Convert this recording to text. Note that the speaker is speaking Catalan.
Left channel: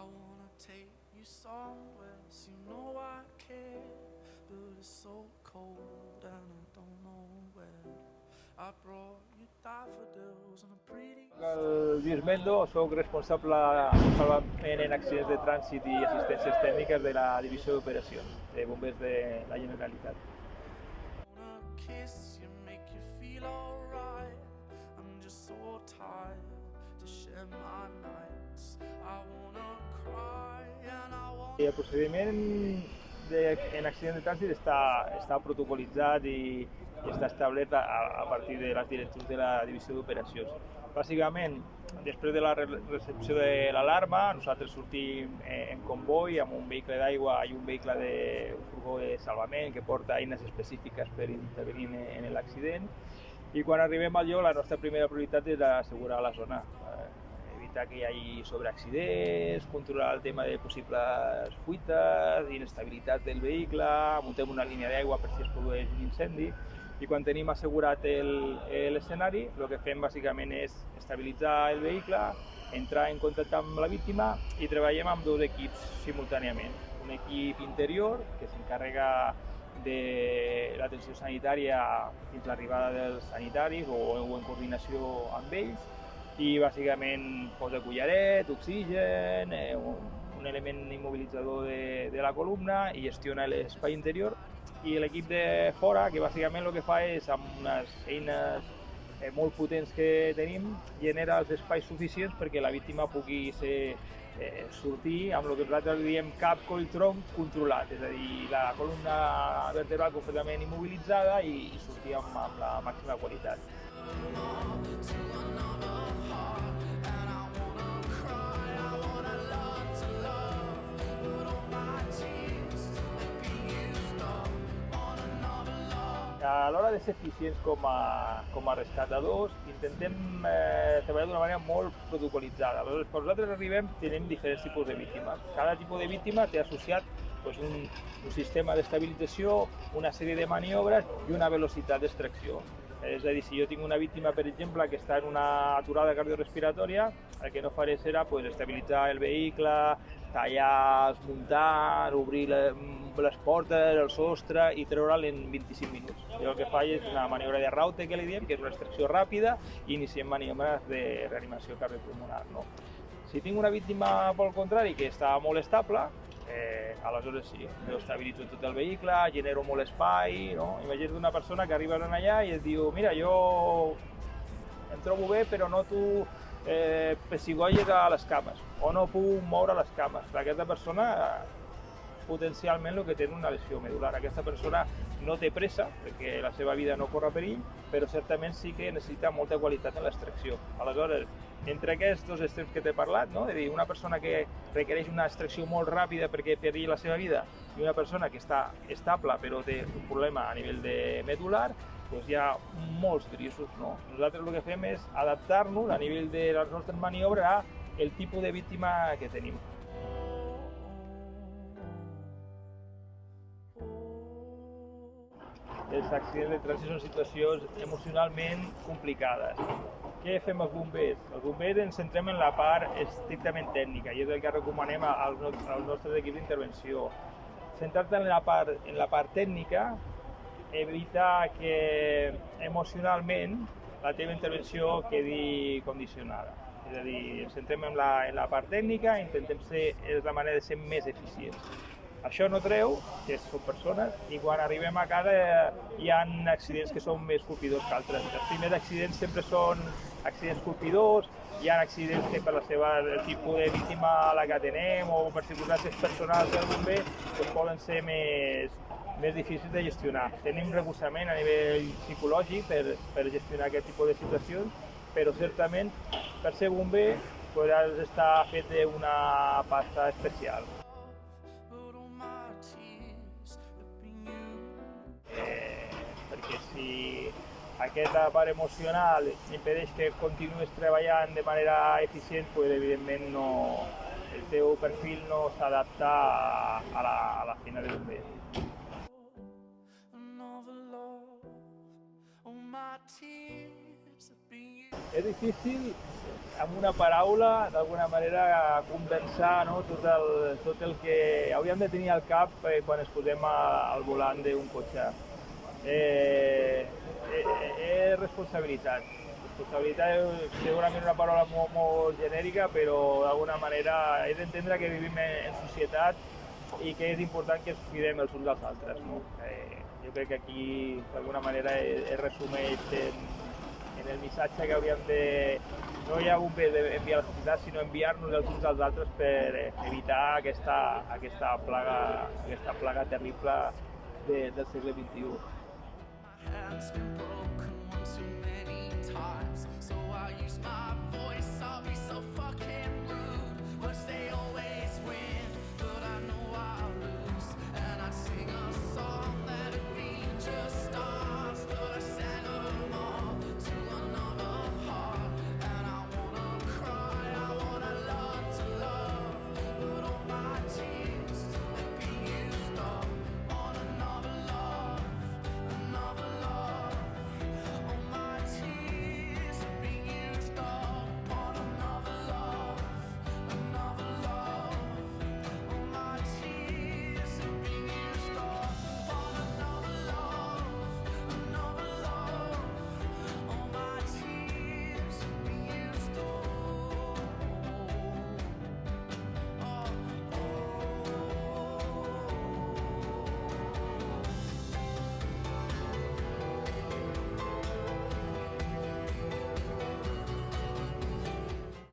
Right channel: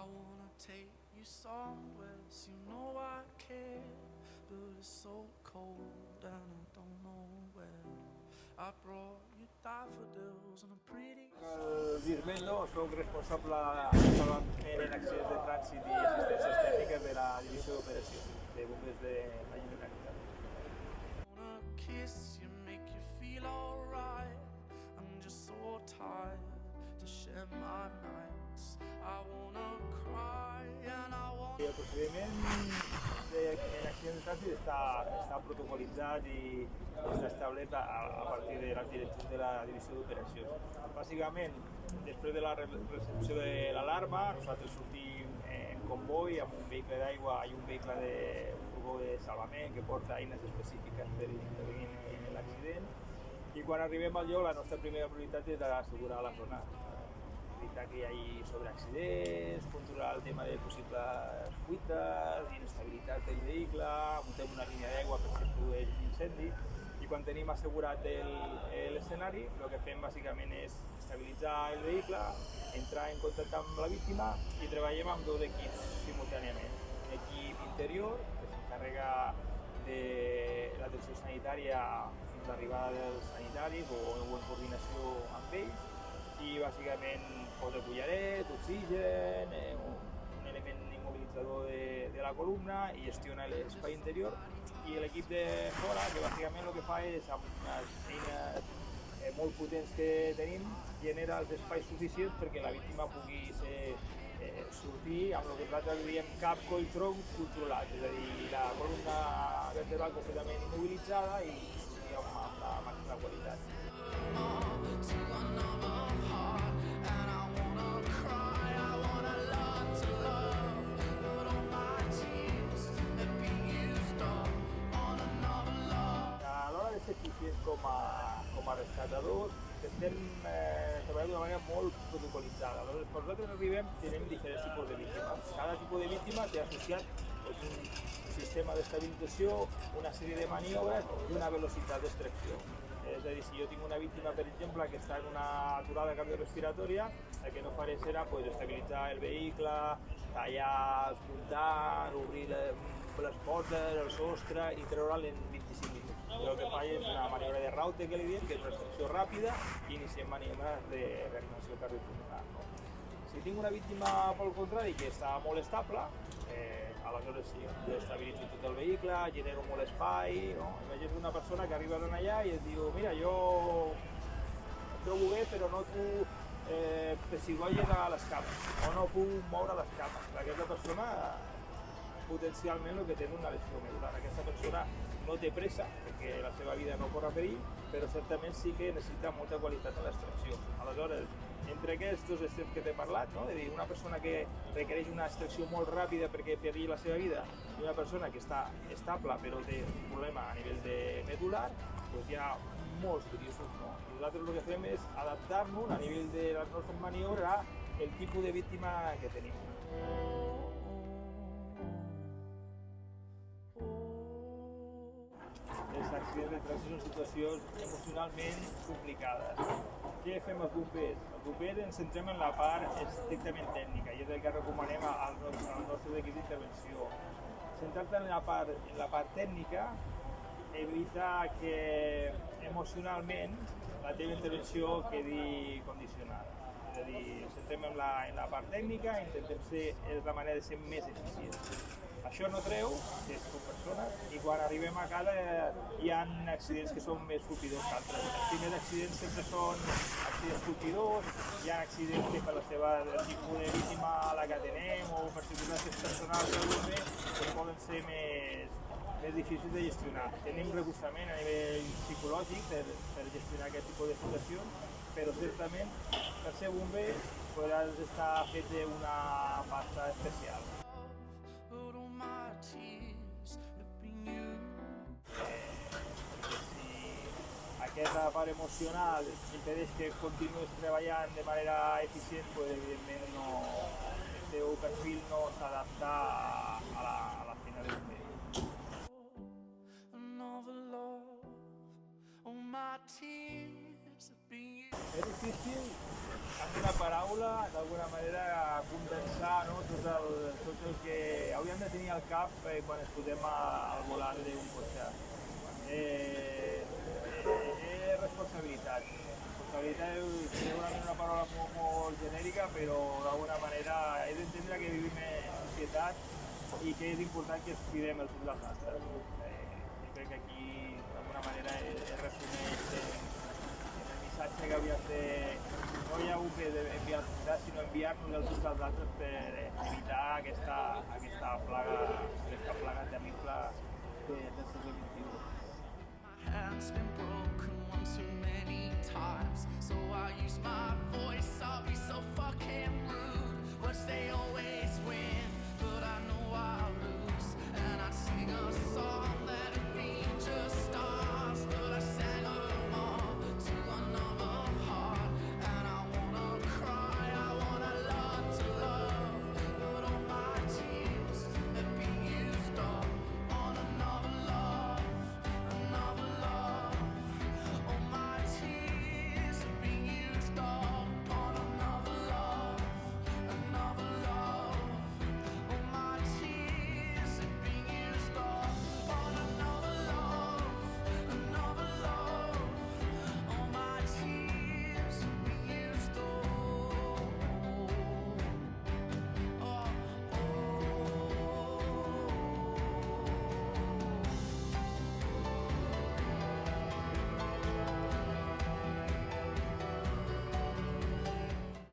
I wanna take you somewhere, so you know I care, but it's so cold and I don't know where. I brought you daffodils and a pretty. Dirmendo, soc responsable de salvament en accidents de trànsit i assistències tècniques de la divisió d'operacions de bombers de la Generalitat. Wanna kiss you, make you feel alright. I'm just so tired to share my nights. I wanna cry and I wanna. El procediment en accident de trànsit està protocolitzat i està establert a partir de les directrius de la divisió d'operacions. Bàsicament, després de la recepció de l'alarma, nosaltres sortim en comboi amb un vehicle d'aigua i un vehicle de salvament que porta eines específiques per intervenir en l'accident. I quan arribem al lloc, la nostra primera prioritat és assegurar la zona, evitar que hi hagi sobreaccidents, controlar el tema de possibles fuites, inestabilitat del vehicle, muntem una línia d'aigua per si es produeix un incendi. I quan tenim assegurat l'escenari, el que fem bàsicament és estabilitzar el vehicle, entrar en contacte amb la víctima i treballem amb dos equips simultàniament. Un equip interior que s'encarrega de l'atenció sanitària fins a l'arribada dels sanitaris o en coordinació amb ells, i bàsicament posa collaret, oxigen, un element immobilitzador de la columna i gestiona l'espai interior. I l'equip de fora, que bàsicament el que fa és, amb unes eines molt potents que tenim, genera els espais suficients perquè la víctima pugui sortir amb el que nosaltres diem cap coll tronc controlat, és a dir, la columna vertebral completament immobilitzada i sortir amb la màxima qualitat. A l'hora de ser eficients com a rescatadors, intentem treballar d'una manera molt protocolitzada. Aleshores, quan nosaltres arribem, tenim diferents tipus de víctimes. Cada tipus de víctima té associat un sistema d'estabilització, una sèrie de maniobres i una velocitat d'extracció. És a dir, si jo tinc una víctima, per exemple, que està en una aturada cardiorrespiratòria, el que no faré serà estabilitzar el vehicle, tallar, desmuntar, obrir les portes, el sostre i treure'l en 25 minuts. Jo el que faig és una maniobra de raute, que li diem, que és una extracció ràpida, i iniciem maniobres de reanimació cardiopulmonar. Si tinc una víctima, pel contrari, que està molt estable, aleshores sí, jo estabilitzo tot el vehicle, genero molt espai. Imagina't una persona que arriba allà i et diu: mira, jo em trobo bé, però noto pessigolles a les cames, o no puc moure les cames. Aquesta persona potencialment el que té una lesió medular. Aquesta persona no té pressa, perquè la seva vida no corre perill, però certament sí que necessita molta qualitat en l'extracció. Aleshores, entre aquests dos extrems que t'he parlat, és a dir, una persona que requereix una extracció molt ràpida perquè perilli la seva vida i una persona que està estable però té un problema a nivell de medular, doncs hi ha molts grisos. Nosaltres el que fem és adaptar-nos a nivell de les nostres maniobres al tipus de víctima que tenim. Els accidents de trànsit són situacions emocionalment complicades. Què fem els bombers? Els bombers ens centrem en la part estrictament tècnica i és el que recomanem als nostres equips d'intervenció. Centrar-te en la part tècnica evita que emocionalment la teva intervenció quedi condicionada. És a dir, ens centrem en la part tècnica i intentem és la manera de ser més eficients. Això no treu que som persones i quan arribem a casa hi ha accidents que són més colpidors que altres. Els primers accidents sempre són accidents colpidors, hi ha accidents que per el tipus de víctima a la que atenem o per circumstàncies personals del bomber poden ser més difícils de gestionar. Tenim recolzament a nivell psicològic per gestionar aquest tipus de situacions, però certament per ser bomber has d'estar fet d'una pasta especial. Perquè si aquesta part emocional impedeix que continuïs treballant de manera eficient, evidentment el teu perfil no s'adapta a la feina de bomber. years of being. És difícil, amb una paraula, d'alguna manera, condensar, no? tot el que hauríem de tenir al cap quan ens posem al volant d'un cotxe. Responsabilitat. Responsabilitat és segurament una paraula molt genèrica, però d'alguna manera he d'entendre que vivim en societat i que és important que ens cuidem els uns dels altres. No? Jo crec que aquí d'alguna manera es resumeix en el missatge que hauríem de... No hi ha un bé d'enviar a la societat, sinó enviar-nos els uns als altres per evitar aquesta plaga terrible del segle XXI. My hand's been broken one too many times, so I use my voice.